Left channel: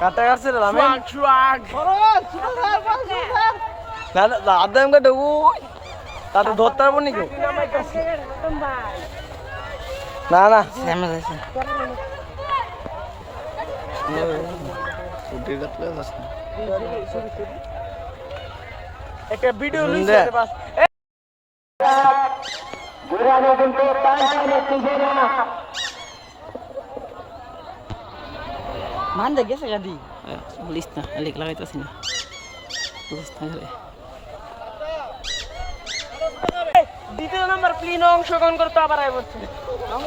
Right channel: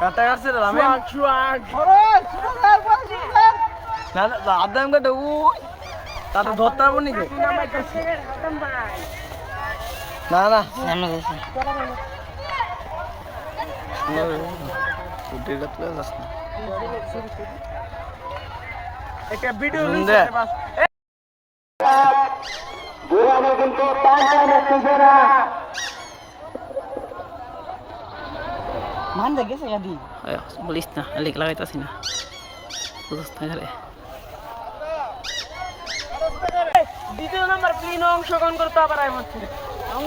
কাটা কাটছে রে আমি না না আদাম কাটে ওই তাতে ধরতে পারব নাকি? না না। সামনে যাচ্ছে উঠে গেলে যাস না একটা ভিডিও সুন্দর। মান দে গেছে গাদি। বলিস না লিক লাগাইতাছি না। বুঝছ না ঘরে দ্বিতীয় নাম্বার প্লিন অংশগ্রহণ করতে আবার আই বলছি। আমি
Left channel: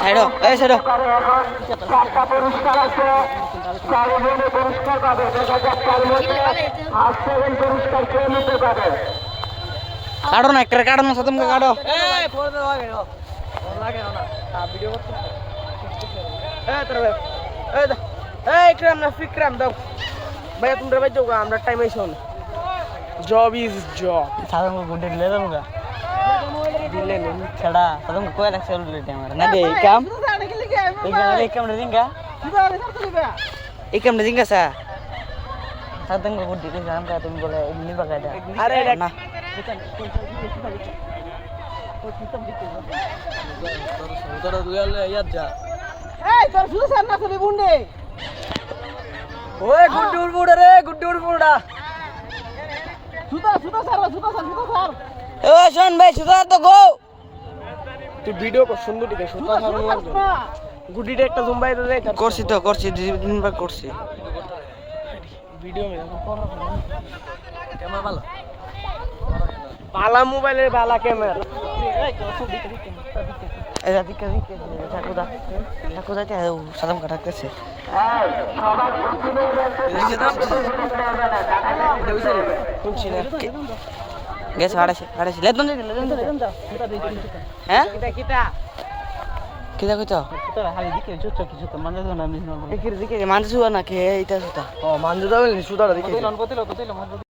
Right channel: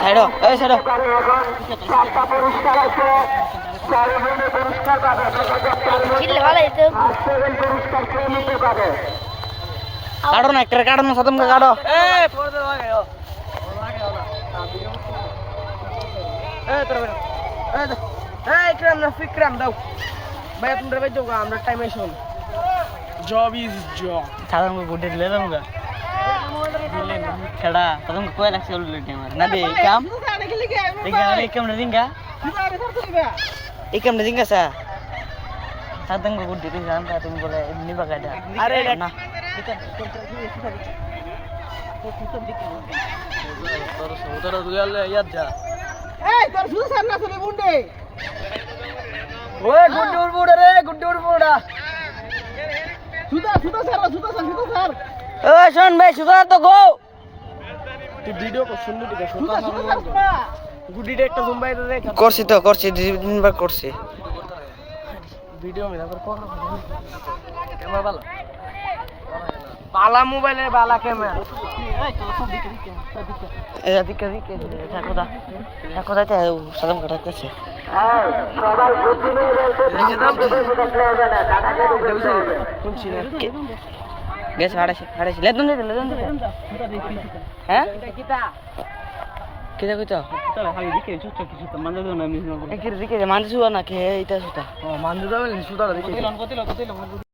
সাইডো এই এখন চারটা পুরস্কার আছে চারজনে পুরস্কার পাবে ফার্স্ট সেকেন্ড পুরস্কার কে নিতে পারে কাটো না, একটা কাটো না সতম কাটো। আমরা টাইমে শোন জব ইজ জব সাতম গুডে দিলে তো মুগা ছেড়া সতম কয় রাখছে উল্লে আমার না দে এই কাম এই কাম এই কাম রে দিঙ্গা এই কাম রে দিঙ্গা সা সাতম গুডে কে জাম কা তুমি বলে নিবা কাটা আরে না তোর সৌদাটা দুয়ালে ইয়াত যা এই তোর শুধু সার না চলে গুন্ডে ওই গুড্ডি উড়বুড়া রে গুড্ডি উড়বুড়া সুদা সুদা সার সুদা শোন ভাই সুদা তো গো। তুই ভিডিও কর সুন্দর দিকে লাগবে গুডিটা একটা দে করছি তো করছি দিনবার করছি। ভিডিও মে তারপর কর ক্যামেরা ভালো? বালা মোবাইলের বালা ক্যামেরা। এই দিকে দিকে ঠাকুদা ঠাকুদা তে সাদম কাটা করছে হ্যাঁ শুনছি না। গেছে হাড়াইছে হাড়াইছে লেদন দিতে লেদন দিতে হ্যাঁ? কিটা কিটা কিটা কইতো হাই দিকে চুচ কিছু তো মানে না আমি একির দিকে শুয়া না কে এইটা সুতা ও মানজু দাও কতিলন কতিলন